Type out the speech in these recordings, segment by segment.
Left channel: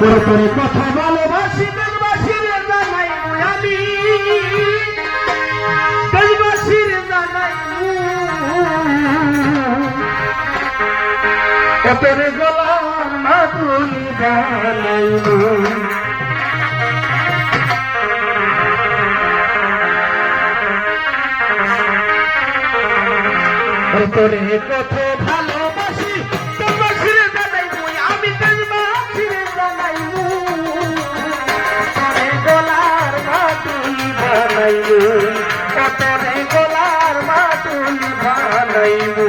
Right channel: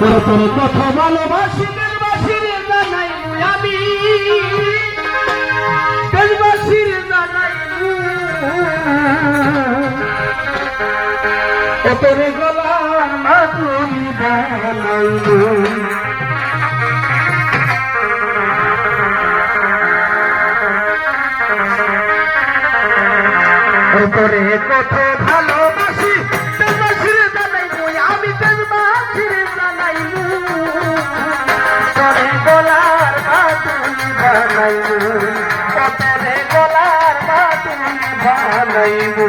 তোর তোর কথা ভালোবাসি দেশবাসীর জানাই আমি দেশবাসীর জানাই তোর গোলাম মাটি বানাইবো তোরে কত ভালোবাসি দেশবাসীর জানাইবো আমি দেশবাসীর জানাইবো তোরে গোলার মাটি বানাইবো তোরে গোলার মাটি বানাইবো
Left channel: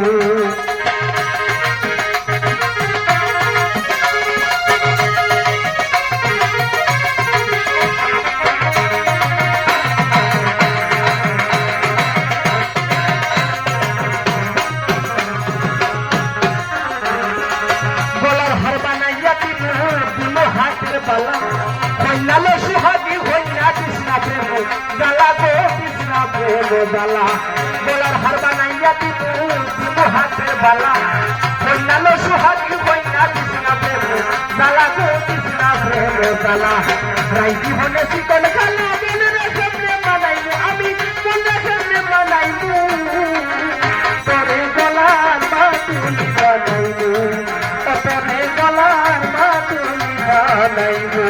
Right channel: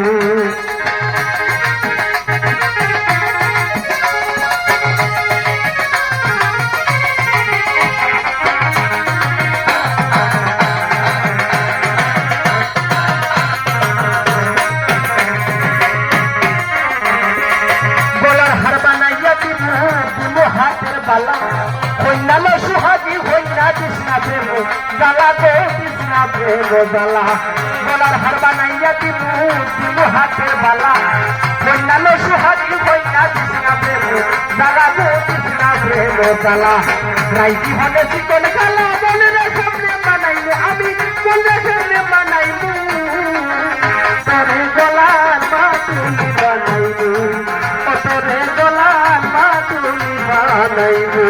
জ্বালা গলার হার বানাইয়া দিব দিব হাতের বালা বন্যালে সুহাগি বন্যা কৃষ্ণা প্রেম জ্বালা গো কৃষ্ণা প্রেম জ্বালা রাইতি হলে শীতল গালা বলে রে সামনে বানাইবো আমি বলে সামনে বানাইবো তোরে গলার মাতুল বানাইবো তোরে গলার মাতুল বানাইবো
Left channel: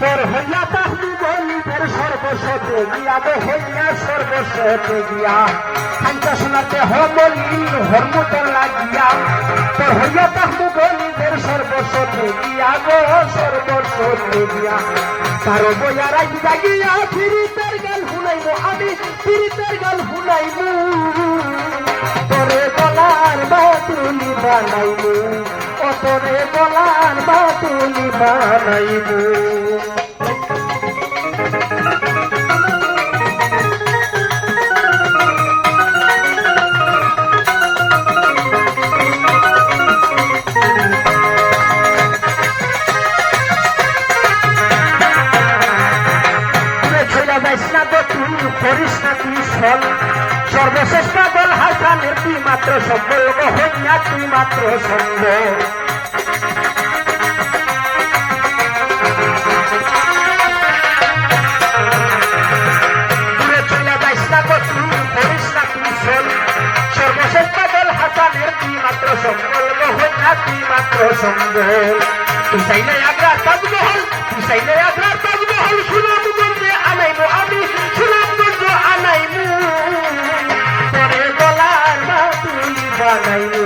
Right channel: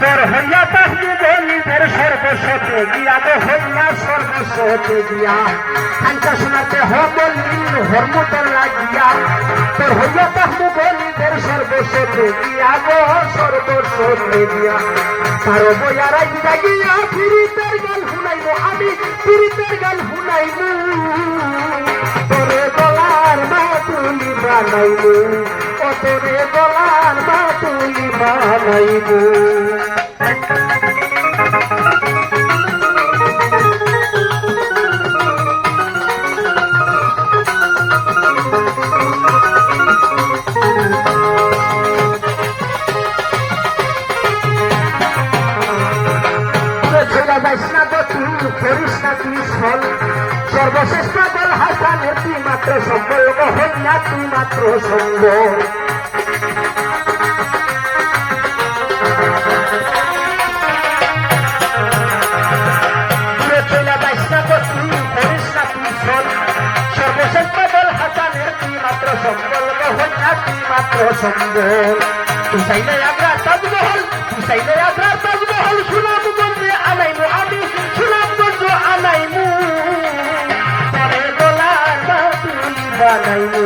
তোর হইয়া তাহলে গলিদের সর্বস্বতে গিয়া দে হইয়া সর্বস্বতে গিয়া খানটা শোনাতে হইতে লীল হরমুতন লাগিয়া তোর হইয়া তাহলে গলিদের সর্বস্বতে গিয়া গো সর্বস্বতে গিয়া তার বইয়া রাইতা গিয়া ফিরিতের গাল শুনাইব আমি ফিরিতের গাল শুনাইব তোরে গলার বাতুলি বানাইব তোরে গলার বাতুলি বানাইব সর্বশ্রেষ্ঠ দল হাসানের তুই মাত্র সম্বল হইয়া তুই মাত্র সম্বল সর্বশ্রেষ্ঠ দল হাসানের তুই মাত্র সম্বল হইয়া তুই মাত্র সম্বল তুই চাইলে আগ্রা তাজমহল তুই চাইলে আগ্রা তাজমহল সুনাম গঞ্জে আনাইবো আমি সুনাম গঞ্জ আনাইবো তোরে গলার বাতুলি বানাইবো